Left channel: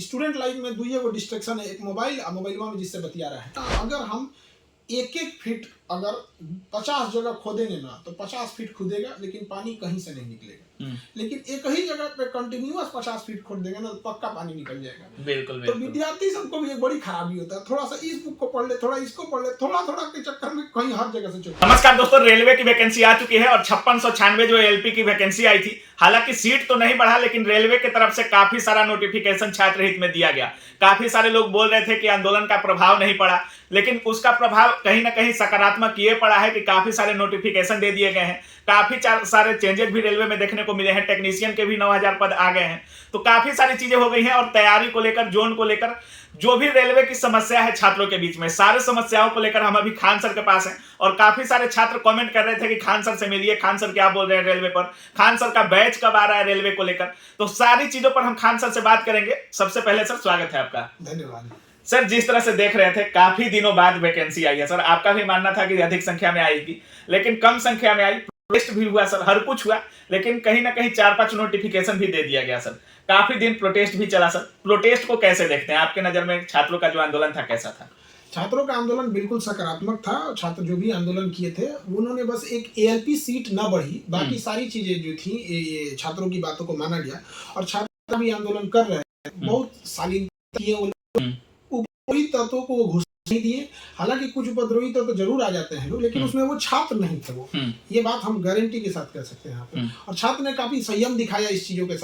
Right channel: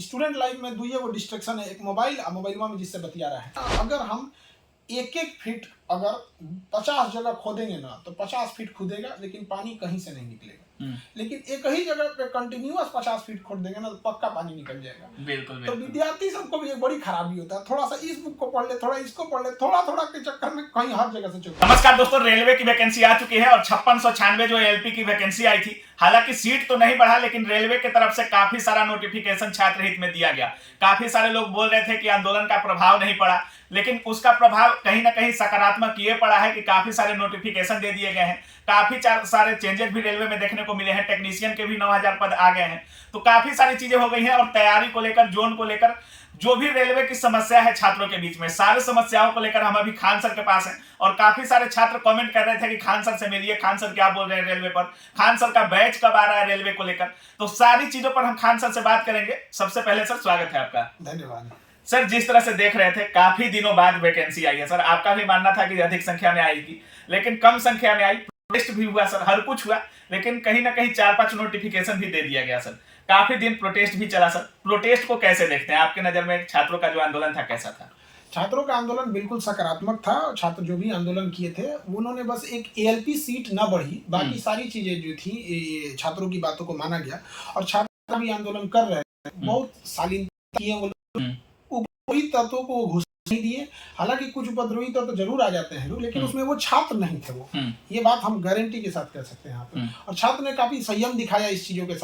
Student life में दुइये गो distraction है, एक मोबाइल और मोबाइलवा में जिससे बतिया रहा है। अगर हम एक एक फीट अगर 50 जगह खोदेंगे ना तो 50 फीट खुदेगा लेकिन पानी कहीं से नहीं निकलेगा। लेकिन एक ही जगह पे कंटिन्यूअस 50 फीट खोद देंगे ना तो पक्का पानी निकल जाएगा। बिल्कुल तो विद्यार्थी सबको भी एक बड़ी खराबी होता है, थोड़ा सा इस बुक को पढ़ ले, थोड़ा इसको पढ़ ले, थोड़ा थोड़ा के चक्कर में कहीं हर जगह से चुका। नमस्कार दोस्तों, रेलवे की वैकेंसी आ चुकी है और 5696 जो एलपी की वैकेंसी आई थी, हालांकि सीट तो नहीं बढ़ा लेकिन रेलवे की तरफ से काफी सारा नोटिफिकेशन छात्र हित में दिया गया। काफी सारे लोग बोल रहे थे कि आंदोलन का प्रभाव नहीं पड़ा, लेकिन उसका प्रभाव कहीं ना कहीं सकारात्मक ये पड़ा है कि काफी सारे नोटिफिकेशन दे दिए गए हैं। काफी सारे चेंजेस भी रेलवे में देखने को मिले हैं। टेक्नीशियन के भी 9000 पद आ गए हैं। तो काफी सारी चीजें हो गई हैं और तैयारी को लेकर, जोन को लेकर जो भी रेलवे की समस्या है छात्रों के बीच में, सारे समस्याओं को लेकर हम अभी खान सर के पास हैं और काफी सारे छात्र कमेंट कर रहे थे कि खान सर से मिलिए, खान सर क्या बोल रहे हैं रेलवे पर, खान सर का बैच कब आ रहा है रेलवे को लेकर। तो सारी चीजों पर हम खान सर से बात करेंगे। सबसे पहले सर स्वागत है आपका। धन्यवाद सर। जिस तरह से देख रहे थे काफी दिनों बाद वैकेंसी आई है सर, आपका भी मानना था कि अधिक संख्या में आएगी लेकिन कम संख्या में आई। प्रोटेस्ट भी हुआ सर, हर कुछ हुआ, लेकिन कहीं ना कहीं 4-5 नोटिफिकेशन भी दे दिया गया सर। काफी दिन प्रोटेस्ट भी चला सर। प्रोटेस्ट को कैसे देखते हैं आपके नजर में? छात्रों का जो आंदोलन था कैसा था? छात्रों का आंदोलन बिल्कुल सकारात्मक था। छात्र जो भी आंदोलन किए थे उन्होंने बस एक एएलपी सीट न बढ़ी, बाकी सारी चीजें जो थी छात्रों की बातों को माना गया और छात्र भी आंदोलन कर रहे हैं। बहुत शालीनता किए वो लोग, उपद्रवी तत्वों को घुस नहीं दिए। हालांकि कुछ उपद्रवी तत्व जरूर आ जाते हैं लोग, लेकिन उसमें वो छात्र नहीं थे। वो ये बात हम गारंटी के साथ कह सकते हैं यहाँ पे। और छात्र ने काफी संयम दिखाया इस चीजों के साथ।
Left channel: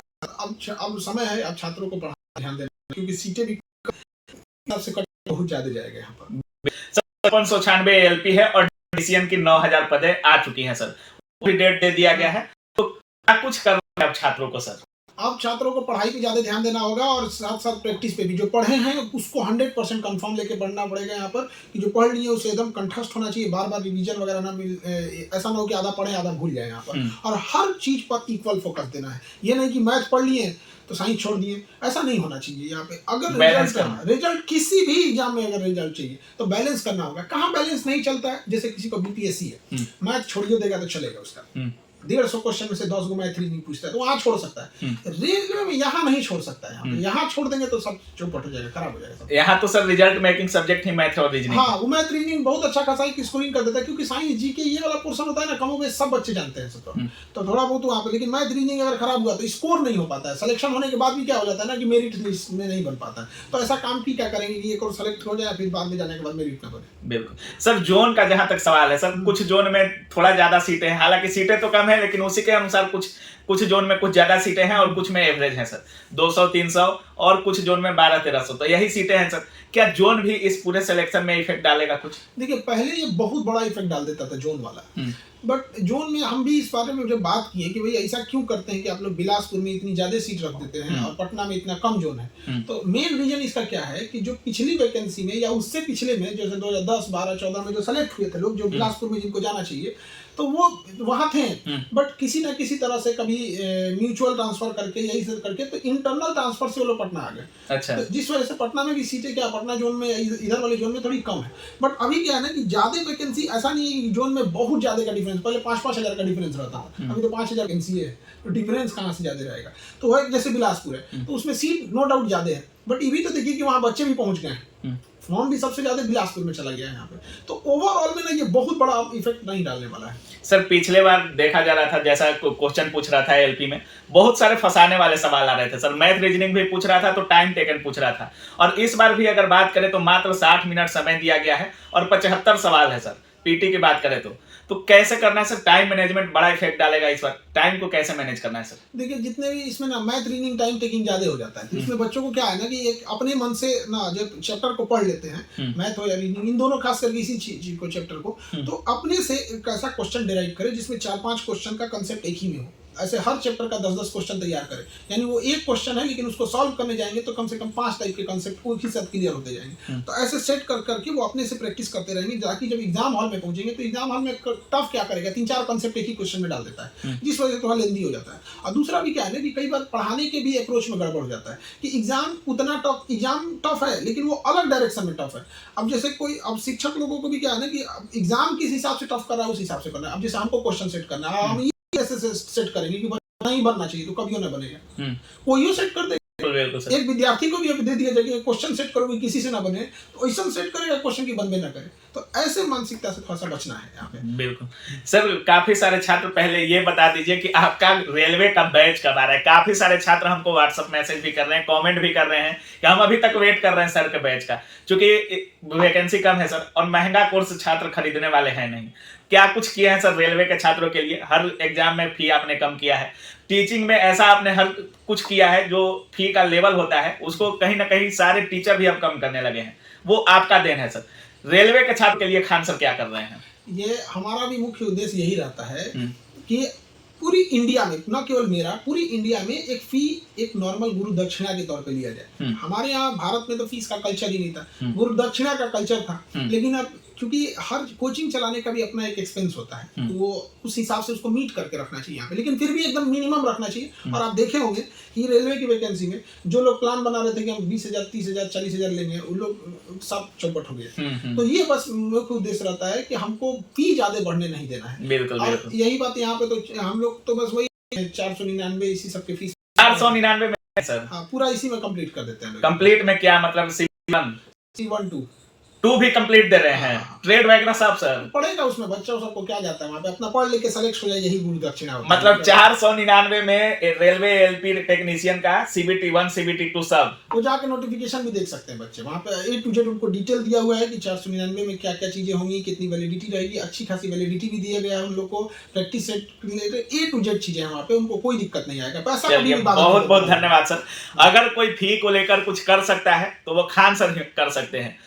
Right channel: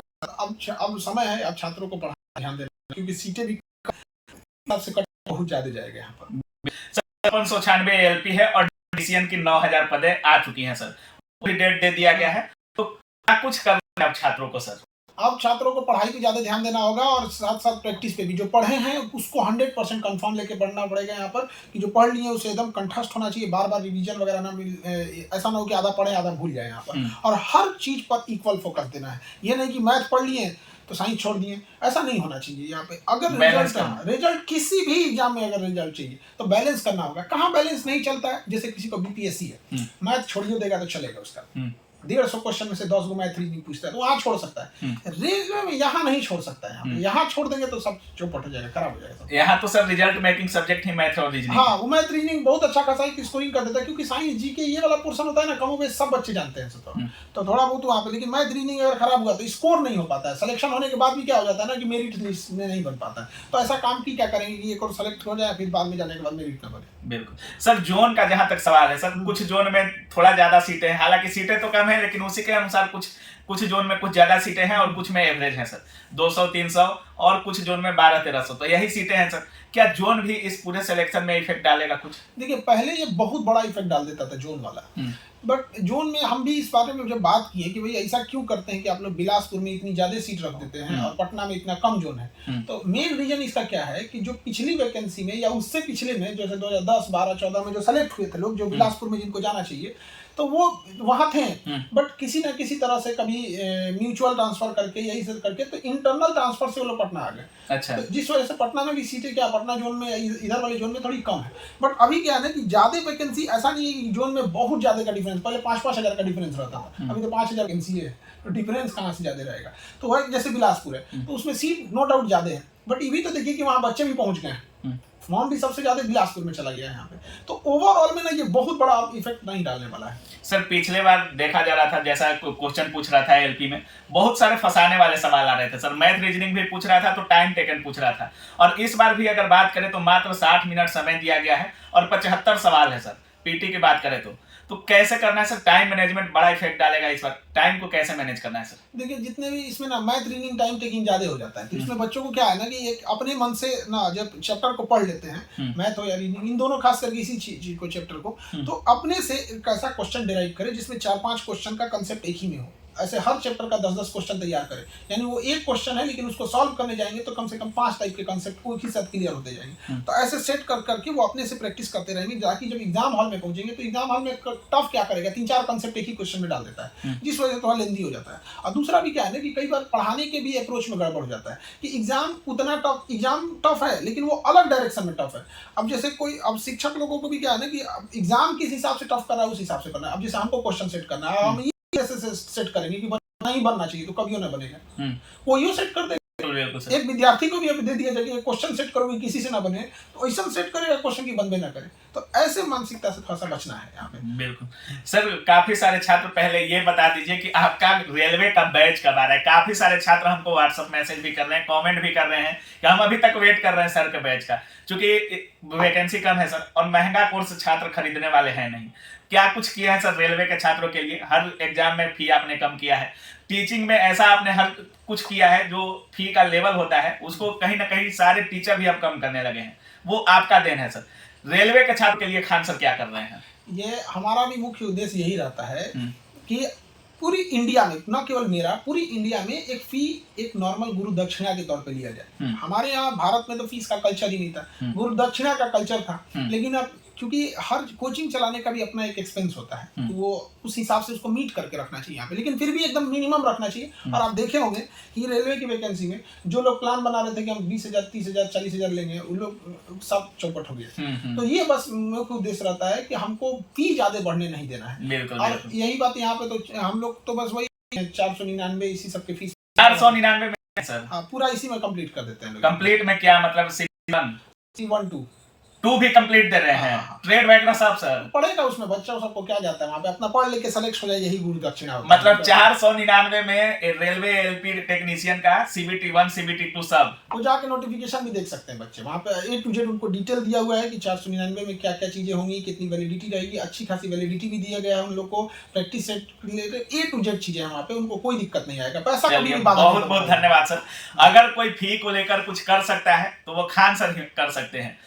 अब समय है अब छात्रों को पढ़ाने ध्यान देना, क्योंकि सीटें भी से कट बहुत ज्यादा जाएगा यहाँ पर। 5696 एलपी है और टेक्नीशियन की 9000 पदें आ चुकी हैं सर। भी डेट दे दिया गया है, तो क्या कुछ करना है छात्रों को सर? अब छात्रों को पढ़ाई पे ज्यादा ध्यान देना होगा और साथ साथ प्रैक्टिस पे भी। जो पढ़े हैं उसको 100% कंफर्म लेके पढ़ना पड़ेगा यहाँ पर, कि जो पढ़ लिए उसे एकदम कंठस्थ होना चाहिए। बार बार रिवीजन वगैरह ना, ऐसा ना हो कि आधा पढ़े आधा भूल जाए यहाँ पर। और हर चीज पर इक्वल फोकस देना है। ये नहीं कि मैथ पढ़ लिए तो साइंस छोड़ दिए, ऐसा नहीं होना चाहिए यहाँ पे। अगर रिजल्ट किसी भी एग्जाम में अगर रिजल्ट चाहिए तो बैलेंस करना होगा। कहाँ बैलेंस नहीं चलता है? जैसे किसी को बीपीएससी है, मैथ छोड़िए देगा तो चलेगा उसका, 150 क्वेश्चन में से 10 गो मैथ रीजनिंग पूछता है तो वहाँ छोड़ सकता है। रेलवे में यहाँ नहीं छोड़ सकता है। यहाँ छोड़ देंगे तो सब चौपट हो जाएगा, खराब हो जाएगा। यहाँ तो सर रिजल्ट मेकिंग सब्जेक्ट ही मैथ और रीजनिंग। हाँ, वो मैथ रीजनिंग बहुत अच्छा खासा स्कोरिंग कर देता है, क्योंकि साइंस जी के ये वाला पोर्शन होता है ना, कमो बेश सब बच्चे जानते हैं तो थोड़ा बहुत वहाँ पे। लेकिन मैथ रीजनिंग अगर खराब हुआ तो स्कोर नहीं हो पाता है। सिलेक्शन होने के बाद भी क्या हो जाता है ना कि मेरिट लिस्ट में नहीं बन पाता है। तो ऐसा काम की क्या करेंगे कि एक और सेलेक्ट हो जाए, फिर बाद में जाने के बाद मेरिट ना बने। बिल्कुल सर। जोन का जहां तक सवाल है सर, कुछ जोन में थोड़ा ज्यादा सीटें हैं, हालांकि सीटें तो कम है लेकिन उसी के अनुसार कुछ जोन में कुछ ज्यादा सीटें हैं और कुछ में एवरेज है सर, 200-300 और कुछ जोन में 1200-1300। तो यही सीटें हैं सर। क्या जोन भी इस पूरे सिलेक्शन में इफेक्ट डालेगा कुछ? देखिए, पहले ये बहुत बड़ा इफेक्ट डाल देता था जोन वाला, बट जोन में हम भी इस बारे में जब बात की है कि भाई ऐसा क्यों करते हैं कि आप लोग बिलासपुर में इतनी ज्यादा सीट रख देते हैं और पटना में इतना कम जोन है। तो मेन रीजन इसका क्या है कि जो पिछली वैकेंसी में या उससे पिछले में, जैसे 2010, 12, 14 में जो सेलेक्ट हुए थे लोग, जो बिलासपुर में जिनको जाना चाहिए, तो वो वहाँ थे, बट किसी ना किसी तरह से कभी म्यूचुअल ट्रांसफर करके यही सब करके तो इंटरनल ट्रांसफर से वो लोग पटना आ गए। अच्छा। तो जिस वजह से पटना में भी सीटें क्या पटना जोन में इधर वाले जोन में थोड़ी कम है। बट अभी क्या है ना कि ज्यादा वैकेंसी, ऐसा नहीं है कि जोन में बहुत ज्यादा का डिफरेंस। पहले 5-5 हजार का डिफरेंस रहता था, अभी तो 5000 वैकेंसी है, तो डिफरेंस कहाँ से ज्यादा रहेगा? तो वह जैसे बिलासपुर है तो उसमें सीट नो डाउट ज्यादा है, बट ये भी तो देखिए कि वहाँ बच्चे भी पहुंच गए हैं। फॉर्म भी सबसे ज्यादा बिलासपुर में चला गया है यहाँ पे। तो ओवरऑल में ना ये बहुत बड़ा इफेक्ट नहीं डालने वाला है सर। पिछले बार देखा जा रहा था, जैसा क्वेश्चन पूछ रहा था एलपी में, बहुत सारे फंसाने वाले सवाल आ रहे थे सर। मैथ रीजनिंग भी पूछ रहा था तो टाइम टेकन पूछ रहा था। और इस बार भी अगर बात करें तो मात्र 60 मिनट समय दिया गया है और 75 सवाल है सर। पीटी की बात करें तो कैसे करना है सर? टाइम मैनेजमेंट बड़ा इफेक्ट डालेगा इस बार। टाइम को कैसे मैनेज करना है सर? देखिए, जितने भी इसमें ना मैथ रीडिंग टाइम टेकिंग ज्यादा हो जाता है, तो इसमें बच्चों को क्या है ना कि एक अपने मन से ना जब चैप्टर को पढ़ लेते हैं, मैथ हो या रीडिंग, इन दोनों खास करके इसी चीज को, चैप्टर को, तो अपने से एक ऐसा क्वेश्चन डिराइव करे जिसमें 4-5 क्वेश्चन का कंसेप्ट एक ही में हो। ऐसे हर चैप्टर का 10-10 क्वेश्चन तैयार करें, यानी वो एक क्वेश्चन है लेकिन उसको सॉल्व करने जाएंगे तो कम से कम 5 टाइप के कंसेप्ट एक ही साथ क्लियर होते जाएंगे। तो ऐसे सेट करके वो अपने से प्रैक्टिस करते रहेंगे, ताकि जब एग्जाम हॉल में पहुंचेंगे तो एग्जाम हॉल में टफ क्या करेगा, 3-4 कंसेप्ट एक ही क्वेश्चन में डाल देता है, जिस वजह से थोड़ा लेंदी हो जाता है। और दूसरा भी क्या है ना कि कई बार पढ़ाने के भी अप्रोच में गड़बड़ हो जाता है कि एग्जाम टफ है लेकिन वो अलग डायरेक्शन में टफ है। अब जैसे कोई, अब शिक्षक लोगों को भी क्या है ना कि एग्जाम किस हिसाब से टफ कर रहा है उस हिसाब से करना है। अब जैसे हमको क्वेश्चन सेट करना है, हम ये कैसे सेट करेंगे कि नहीं बनना चाहिए तो कभी ना बनेगा, कोई सेट कर देगा। बिल्कुल सर। एक विद्यार्थी को भी अब दे दिया जाए कि क्वेश्चन सेट करोगे किसी से ना बने, तो ऐसा सेट करेगा क्वेश्चन की बनबे ना करे। तो ऐसे मानसिकता से थोड़ा सा बचना है यहाँ पे। बिल्कुल सर। काफी सारे छात्र, पहले ये बता दीजिए कि आपका रेलवे का बैच कब आ रहा है? काफी सारे छात्र हमको व्हाट्सएप मैसेज भी कर रहे हैं, कमेंट भी कर रहे हैं कि हम अभी तक वेट कर रहे हैं सर के बैच का, क्योंकि वैकेंसी कम है सर और महंगा कोर्स छात्र खरीदने वाले हैं नहीं। क्या कुछ किया है सर रेलवे के छात्रों के लिए? हर एग्जाम में फी आपने कम किया है, टीचिंग में ऐसा आपने हर कुछ किया है, जो फी का लेवल होता है उसको कहीं ना कहीं सारे टीचर भी अब कम करने लगे हैं, वो आपका देन है सर। रेलवे के छात्र के लिए खान सर क्या कर रहे हैं? ये हमारा भी मुख्य उद्देश्य यही रहता है कि पूरी इंडिया में, न केवल मेरा, पूरी इंडिया में एक फी एक नॉर्मल गुरु दक्षिणा के तौर पे लिया जाए। हमारे यहाँ भारत में तो फीस का कल्चर ही नहीं था, गुरु दक्षिणा का कल्चर था। लेकिन अब क्योंकि हर कोचिंग चलाने का भी अपना एक एक्सपेंस होता है, तो वो उस हिसाब से उसको मीट करके रखना चाहिए यहाँ पे, लेकिन फिर भी एकदम मिनिमम रखना चाहिए। और आप देखे होंगे कि रेलवे की वैकेंसी में जो लोग प्लान बना रहे थे कि हम 20,000, 30,000, 40,000 लेंगे, उन लोग सब चौपट हो गए। तो ये बस मुख्य उद्देश्य रहता है कि हमको फी ज्यादा बढ़ने नहीं देना है। बिल्कुल और यही बात यहाँ पे तो हम लोग तो बस वही 499 इसी सबके फीस 499 में सर। हाँ, पूरा इसी में कंप्लीट कर देते हैं। कंप्लीट में क्या मतलब? C1 2 भी कंप्लीट दे रहे हैं। ट्रेड वगैरह सब सर पढ़ेगा उसमें, बच्चा सबको क्या जाता है वहाँ पे, अपना पढ़ लिख के सेलेक्ट हो जाए, यही गुरु दक्षिणा होता है। मतलब 499 में रेलवे एलपी टेक्नीशियन का CBT 1 CBT 2 सब, वो जाके नोटिफिकेशन भी देख सकते हैं बच्चे, वहाँ पे A to Z उनको डिटेल दिया हुआ है कि 499 में क्या क्या चीजें होंगी, कितनी वैलिडिटी रहेगी, अच्छी खासी वैलिडिटी भी दिया गया है उन लोग को, practice set related A to Z चीजें हैं वहाँ पे, उनको कोई दिक्कत नहीं आएगा। पैसा कभी भी बाधा। बहुत बहुत धन्यवाद सर। अगर कोई फी को लेकर कुछ कर सकता है तो वो खान सर कर सकते हैं।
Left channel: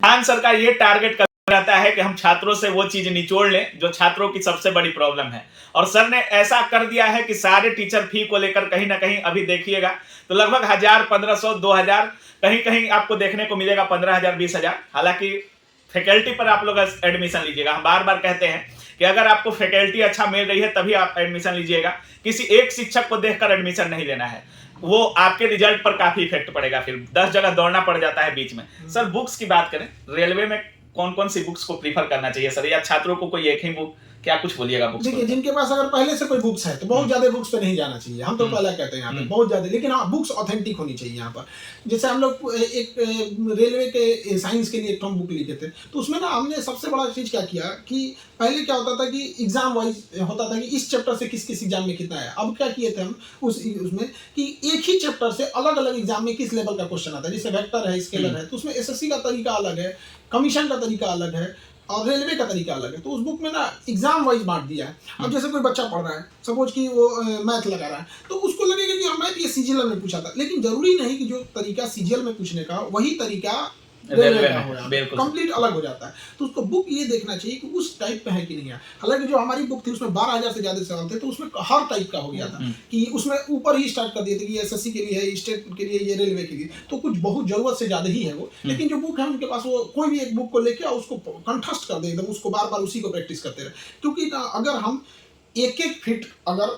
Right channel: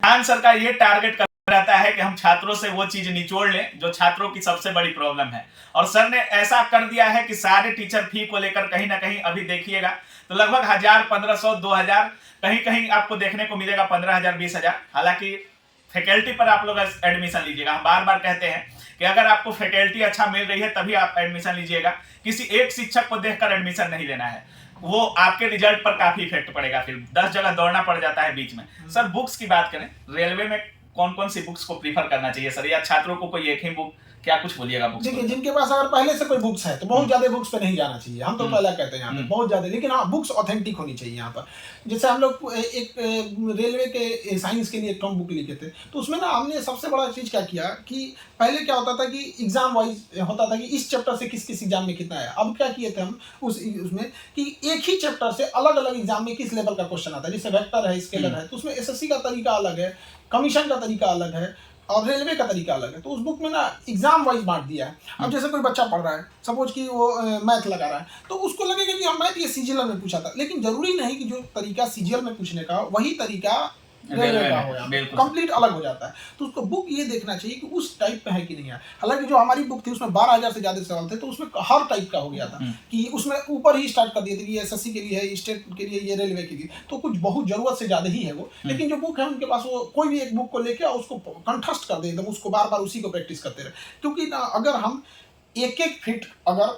खान सर का ये टारगेट रहता है कि हम छात्रों से वो चीज निचोड़ लें जो छात्रों की सबसे बड़ी प्रॉब्लम है, और सर ने ऐसा कर दिया है कि सारे टीचर फी को लेकर कहीं ना कहीं अभी देखिएगा तो लगभग 1,000, 1,500, 2,000, कहीं कहीं आपको देखने को मिलेगा 15,000, 20,000। हालांकि फैकल्टी पर आप लोग एडमिशन लीजिएगा। हम बार बार कहते हैं कि अगर आपको फैकल्टी अच्छा मिल रही है तभी आप एडमिशन लीजिएगा, किसी एक शिक्षक को देखकर एडमिशन नहीं लेना है, वो आपके रिजल्ट पर काफी इफेक्ट पड़ेगा, फिर 10 जगह दौड़ना पड़ जाता है बीच में। सर बुक्स की बात करें, रेलवे में कौन कौन सी बुक्स को प्रीफर करना चाहिए सर, या छात्रों को कोई एक ही बुक, क्या कुछ बोलिएगा बुक्स? देखिए, जिनके पास अगर पहले से कोई बुक्स है तो बहुत ज्यादा बुक्स पे नहीं जाना चाहिए, हम तो पहले कहते हैं यहाँ पे बहुत ज्यादा, लेकिन हाँ बुक्स ऑथेंटिक होनी चाहिए यहाँ पर। जैसे हम लोग एक रेलवे के साइंस के लिए एक बुक लिखे थे, तो उसमें ना हमने सबसे बड़ा चीज क्या किया कि पहले क्या होता था कि एग्जाम वाइज होता था कि इस चैप्टर से किस किस एग्जाम में कितना है। अब क्या किए थे हम उसमें कि एक ही चैप्टर से अलग अलग एग्जाम में किस लेवल का क्वेश्चन आता है। जैसे वेक्टर है, स्केलर है, तो उसमें SSC का तरीका अलग है, कमीशन का तरीका अलग है और रेलवे का तरीका अलग है। तो उस बुक में ना एग्जाम वाइज बांट दिया है। अब जैसे कोई बच्चा पढ़ रहा है, सपोज कि वो मैथ लगा रहा है, तो उसको लगेगा कि हम मैथ ये CGL में पूछा था, लेकिन जरूरी नहीं कि जो तरीका CGL में पूछने का वही तरीका रेलवे का हो जाता है, कंप्लीट अलग हो जाता है। तो उसको बुक ये देखना चाहिए कि उस टाइप पे है कि नहीं है। हालांकि जो हमारी बुक थी उसमें 12,000 से ज्यादा सवाल थे, तो उसमें हर टाइप का हो गया था कि उसमें ऊपर ही स्टार्ट कर दिए थे कि SSC के लिए है, स्टेट के लिए, ये रेलवे के लिए, तो कुछ बहुत जरूरत से ज्यादा ही है वो। लेकिन जो बुक है उनके पास, वो कोई भी एक बुक को लेके उसको कंठस्थ कर दे एकदम, उसको बार बार उसी को प्रैक्टिस करते रहे। क्योंकि अगर हम एक एक फीट अगर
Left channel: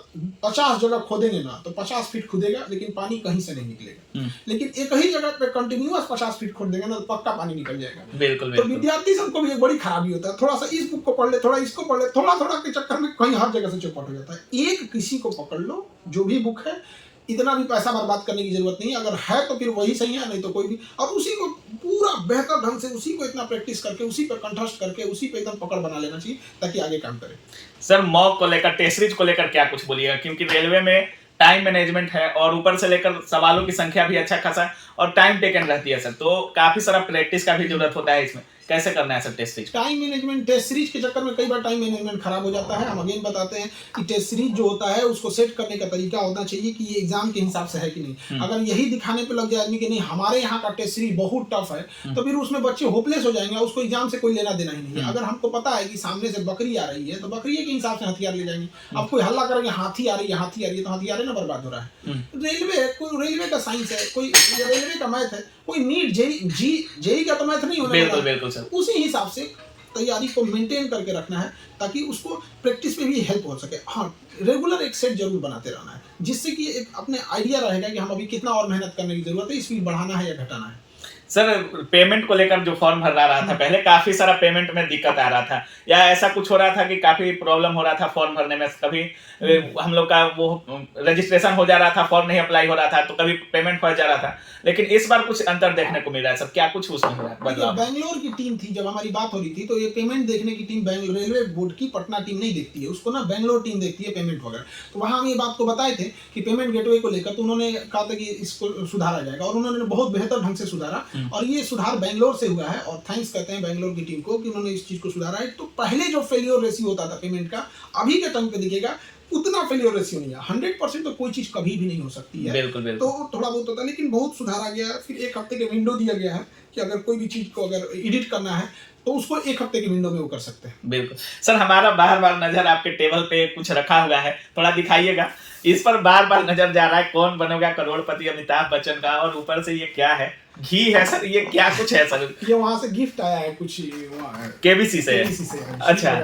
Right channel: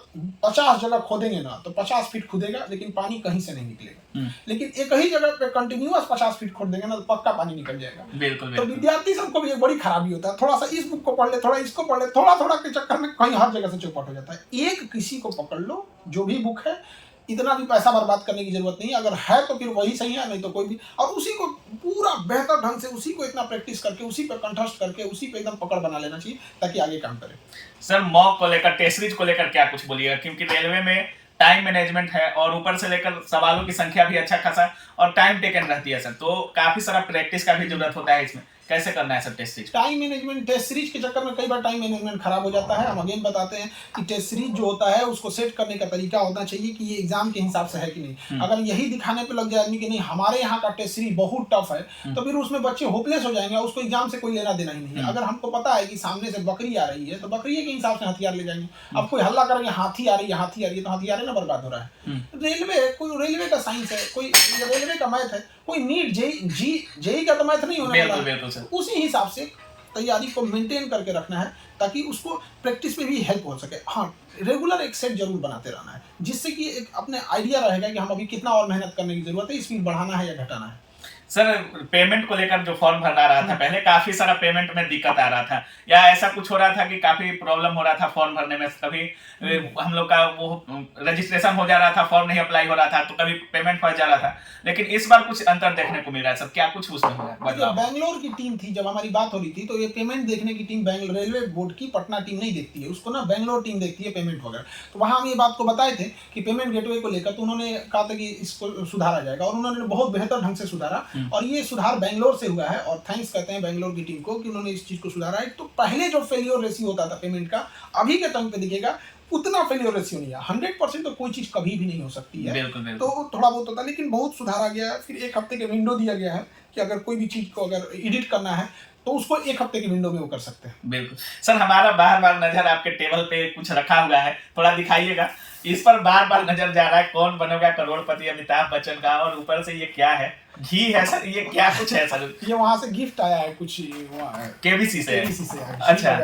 50 जगह खोदेंगे ना तो 50 फीट खुदेगा, लेकिन पानी कहीं से नहीं निकलेगा। लेकिन एक ही जगह पे कंटिन्यूअस 50 फीट खोद देंगे ना तो पक्का पानी निकल जाएगा। बिल्कुल। तो विद्यार्थी सबको भी एक बड़ी खराबी होता है, थोड़ा सा इस बुक को पढ़ ले, थोड़ा इसको पढ़ ले, थोड़ा थोड़ा के चक्कर में कहीं हर जगह से चौपट हो जाता है। एक किसी को पकड़ लो, जो भी बुक है, इतना भी पैसा बर्बाद करने की जरूरत नहीं, अगर है तो फिर वही सही है, नहीं तो कोई भी, और उसी को पूरा बेहतर ढंग से, उसी को इतना प्रैक्टिस करके, उसी पर कंठस्थ करके, उसी पे एकदम पकड़ बना लेना चाहिए ताकि आगे काम करे। सर मॉक को लेकर, टेस्ट सीरीज को लेकर क्या कुछ बोलिएगा? क्योंकि रेलवे में टाइम मैनेजमेंट है और ऊपर से लेकर सवालों की संख्या भी अच्छा खासा और टाइम टेकन रहती है सर, तो काफी सारा प्रैक्टिस का भी जरूरत होता है इसमें। कैसे करना है sir test series? Time management, test series के चक्कर में कई बार टाइम मैनेजमेंट खराब हो जाता है। हम अगेन बताते हैं कि टेस्ट सीरीज जो होता है उसको सेट करने का तरीका होना चाहिए कि ये एग्जाम के हिसाब से है कि नहीं। अगर यही दिखाने पे लग जाए आदमी कि नहीं हमारे यहाँ का टेस्ट सीरीज बहुत टफ है, तो फिर उसमें बच्चे होपलेस हो जाएंगे, उसको एग्जाम से कोई लेना देना ही नहीं है। अगर हमको पता है कि सामने से बकरी आ रही है तो बकरी के हिसाब से हथियार ले जाएंगे। अब कोई हल्ला करेंगे हाथी आ रही है, हाथी आ रही है, तो हथियार ना बर्बाद हो रहा है। रेलवे, कोई रेलवे का साइंस है, कोई रेलवे का मैथ है, कोई नीट जेई का तो मैथ नहीं होने वाला। बिल्कुल सर। उसी हिसाब से तैयारी को मेंटेन करके रखना है ताकि उसको प्रैक्टिस में भी हेल्प हो सके। हाँ, रेगुलर एक सेट जरूर बनाते रहना है, जिससे कि एक अपने आइडिया रहेगा कि हम अभी कितना और मेहनत करने की जरूरत है, स्पीड बढ़ाना है या घटाना है। सर पेमेंट को लेकर जो फॉर्म भर रहा था पहले, काफी सारा पेमेंट में दिक्कत आ रहा था, या ऐसा कुछ हो रहा था कि काफी प्रॉब्लम हो रहा था फॉर्म भरने में? कभी हम लोग का वो रजिस्ट्रेशन हो जा रहा था, फॉर्म नहीं अप्लाई हो रहा था, तो कभी पेमेंट फंस जा रहा था, लेकिन इस बार कुछ अंतर देखने को मिल रहा है सर, क्या कुछ उसमें हुआ है बदलाव? बैंगलोर की टीम थी, जब हमारी बात हो रही थी तो ये पेमेंट देखने की टीम बैंगलोर रेलवे बोर्ड की पटना टीम नहीं देखती है, उसको ना बैंगलोर टीम देखती है पेमेंट वगैरह। तो वहाँ हम ये बात को बताए थे कि पेमेंट गेटवे को लेकर, तो उन्होंने कहा था कि इसको सुधारा जाएगा, और उन्होंने बहुत बेहतर ढंग से सुधारा, और ये सुधार बैंगलोर से हुआ है, और थैंक्स कहते हैं बैंगलोर की टीम को कि उन्होंने इस चीज़ को सुधारा है। तो पहले जो फेलियर रेशियो होता था पेमेंट का, अभी के टाइम पे दिखेगा उतना फेलियर रेशियो नहीं है। 100% तो कोई चीज़ कभी भी नहीं हो सकती है, बिल्कुल बिल्कुल। तो थोड़ा बहुत होता है, लेकिन बहुत सुधार आ गया है। फिर 1 हफ्ते का विंडो दिया गया है कि अगर कोई भी चीज़ को अगर एडिट करना है तो उसको 1 हफ्ते की विंडो में वो कर सकते हैं। बिल्कुल सर, हमारा बार बार नजर आपके टेबल पे कुछ रखा हुआ है, थोड़ा दिखाइएगा। इस पर बार बार नजर जा रहा है, कौन बनेगा करोड़पति अमिताभ बच्चन का, और ऊपर से ये क्या है, घी है सर, ये क्या कुछ है सर? ये वहाँ से गिफ्ट आया है कुछ, केबीसी से? अच्छा,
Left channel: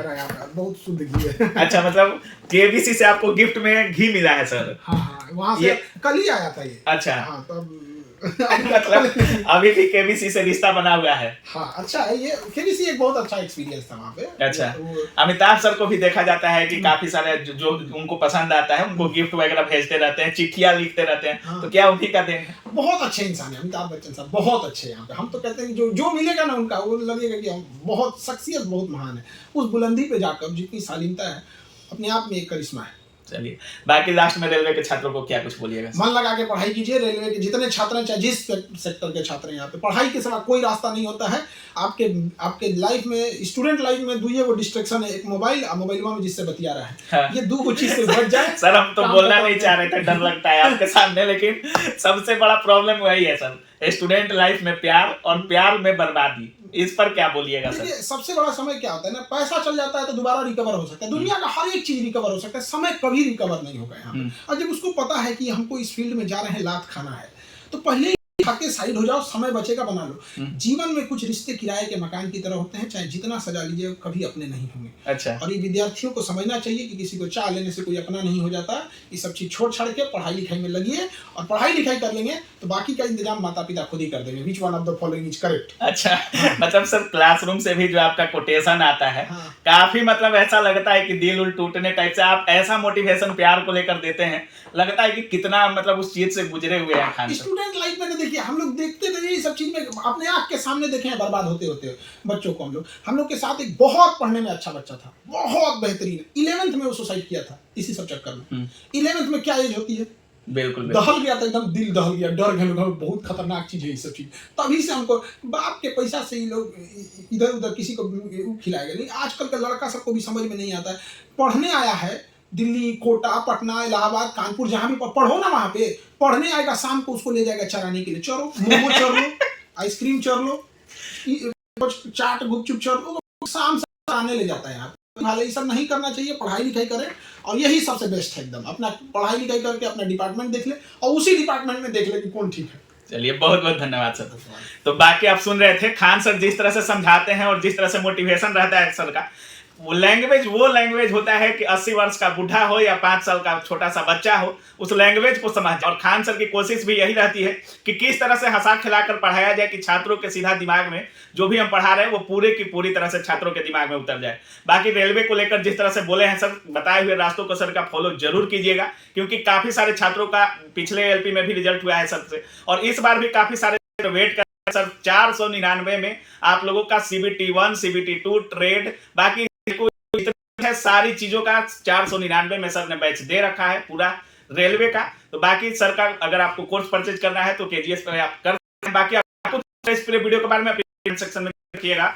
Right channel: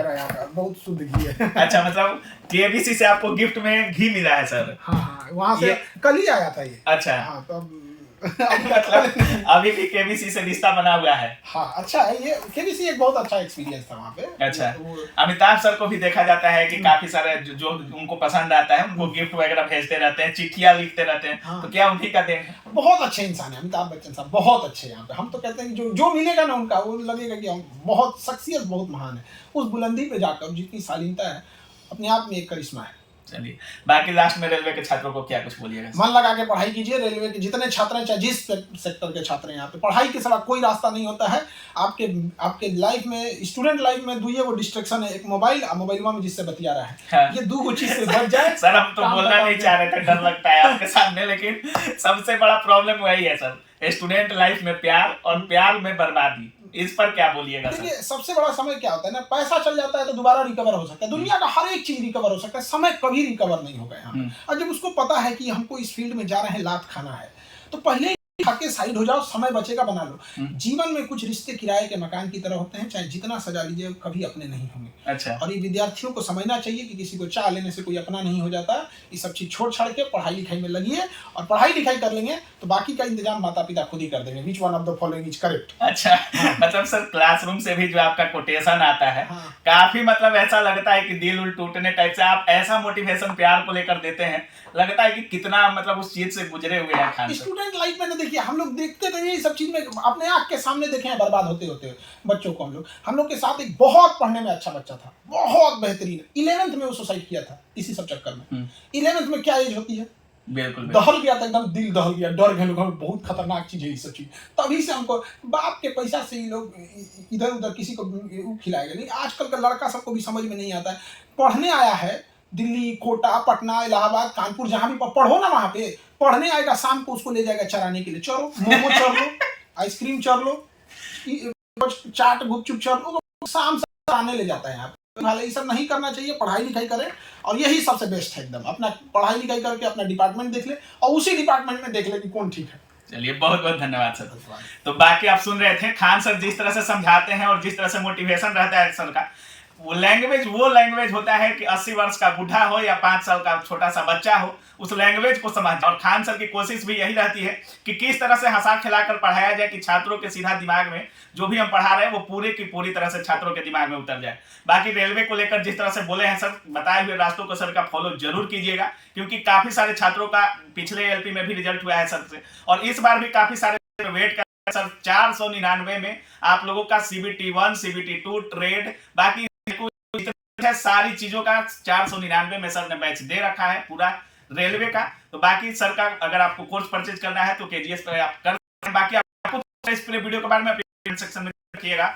बहुत शुद्ध घी है। अच्छा, मतलब केबीसी से आपको गिफ्ट में घी मिला है सर? हाँ, वहाँ से कल ही आया था ये। अच्छा, हाँ, तो मतलब अभी भी केबीसी से रिश्ता बना हुआ है। हाँ, अच्छा है ये, केबीसी एक बहुत अच्छा एक्सपीरियंस था वहाँ पे। अच्छा, अमिताभ सर को भी देखा जाता है कि काफी सारे जो उनको पसंद आता है उनको गिफ्ट वगैरह भेजते रहते हैं, चिट्ठियां लिखते रहते हैं। हाँ। तो क्या उन्हीं का देन है? बहुत अच्छे इंसान है अमिताभ बच्चन साहब, बहुत अच्छे। यहाँ पे हम तो कहते हैं जो मिलेगा ना उनका, वो लगेगा कि हम बहुत शख्सियत बहुत महान है। उस बुलंदी पे जाकर जितनी शालीनता है, अपने आप में एक करिश्मा है। चलिए, बाकी लास्ट में रेलवे के छात्रों को क्या कुछ बोलिएगा? मन लगा के पढ़ाई कीजिए। रेलवे के जितने छात्र हैं, चाहे जिस सेक्टर के छात्र हैं, यहाँ पे पढ़ाई के सिवा कोई रास्ता नहीं होता है। आपके लाइफ में, स्टूडेंट लाइफ में दुइये वो डिस्ट्रैक्शन है, एक मोबाइल और मोबाइल में जिससे बतिया रहा है। हाँ। ये 2 चीज से बच जाए। सर हम तो बोलना नहीं चाह रहे थे, डर लगता है आपके सामने, लेकिन सबसे बड़ा प्रॉब्लम वही है सर, स्टूडेंट लाइफ में प्यार और प्यार में बर्बादी। इस पर क्या बोलिएगा सर? सबसे बड़ा समय क्या होता है ना, पैसा चल जाता है तो दोबारा रिकवर हो सकता है, दुनिया का हर एक चीज रिकवर हो सकता है, समय कभी रिकवर नहीं होगा यहाँ। और जब उसको पता है कि हमको इस फील्ड में जा रहे हैं, लात खाना है, तो पहले खाके साइड हो जाओ, समय बचेगा बना लो। जीवन में कुछ रिश्ते किराए के मकान की तरह होते हैं, चाहे जितना सजा लीजिए कभी अपने नहीं होंगे। अच्छा। और ये विद्यार्थियों को समझना चाहिए कि किसी को चाह लेने से कोई अपना नहीं हो जाता। ये सब चीज छोड़ छाड़ के पढ़ाई लिखाई में लगिए, और पढ़ाई लिखाई कर लेंगे तो बाकी का इंतजाम माता पिता खुद ही कर देंगे। Which one of the following is correct? अच्छा। हाँ। मतलब सर क्लासरूम से भी जो आपका कोटेशन आता है, हाँ। काफी मतलब ऐसा लगता है कि दिल उल टूटने टाइप से आप ऐसा मोटिवेशन प्यार को लेकर देते हैं, लगता है कि कितना मतलब उस चीज से गुजरे हुए हैं खान। स्टूडेंट लाइफ में ना देखिए, हम लोग देखते थे ये सब चीज में, अपने आंख के सामने देखे हैं बर्बाद होते होते बच्चों को। हम लोग के साथ एक बहुत पढ़ने में अच्छा बच्चा था, बहुत बेहतरीन, 11th में वो सुसाइड किया था इसी सब चक्कर में। 11th में क्या एज होती है? बिल्कुल दहल गया था, एकदम दिल दहल गया, डर गए लोग, बहुत खतरनाक चीज है ये सब चीज। तभी से हमको बाप के पैसा से ही लोग इधर उधर किसी को खिलाएगा नहीं। आजकल का लड़का सबको भी समझ में नहीं आता है। पढ़ने आया है दिल्ली, कोटा, पटना, इलाहाबाद, कानपुर, जहाँ भी पढ़ो ना, वहाँ पे पढ़ने आएगा, शाम को उसको ले जाएगा चराने के लिए। चलो मोमो चर लो, आइसक्रीम चर लो, चाट गुपचुप चर लो, तो शाम से आने ले जाता है यहाँ पे। ये सब नहीं करना चाहिए, पढ़ाई लिखाई करें, और यही सबसे बेस्ट है एकदम। अपना पढ़ाई लिखाई करके अपना डिपार्टमेंट देख ले, और उसी डिपार्टमेंट में देख ले कि कौन ठीक है। चलिए, बहुत बहुत धन्यवाद सर। तो बाकी आप सुन रहे थे खान सर जिस तरह से समझाते हैं और जिस तरह से मोटिवेशन रहता है सर का, वो लैंग्वेज होता है कि 80 वर्ष का बूढ़ा हो या 5 साल का छोटा सा बच्चा हो, उस लैंग्वेज को समझ। और खान सर की कोशिश भी यही रहती है कि किस तरह से हंसा खिलाकर पढ़ाया जाए कि छात्रों के सीधा दिमाग में जो भी हम पढ़ा रहे हैं वो पूरे की पूरी तरह से छात्रों के दिमाग में उतर जाए। बाकी रेलवे को लेकर जिस तरह से बोले हैं सर, बताए हुए रास्तों को सर का फॉलो जरूर कीजिएगा, क्योंकि काफी सारे छात्रों का पिछले एलपी में भी रिजल्ट हुआ है सर से, और इस बार भी काफी सारे वेट कर सर। 499 में आप लोगों का CBT 1, CBT 2, ट्रेड, बाकी है सारी चीजों का 499 में सर ने बैच दे रखा है पूरा रेलवे का। तो बाकी सर का अगर आपको कोर्स परचेज करना है तो KGS पर आप कर सकते हैं। बाकी आपको इस पूरे वीडियो के बारे में अपने सेक्शन में रखिएगा।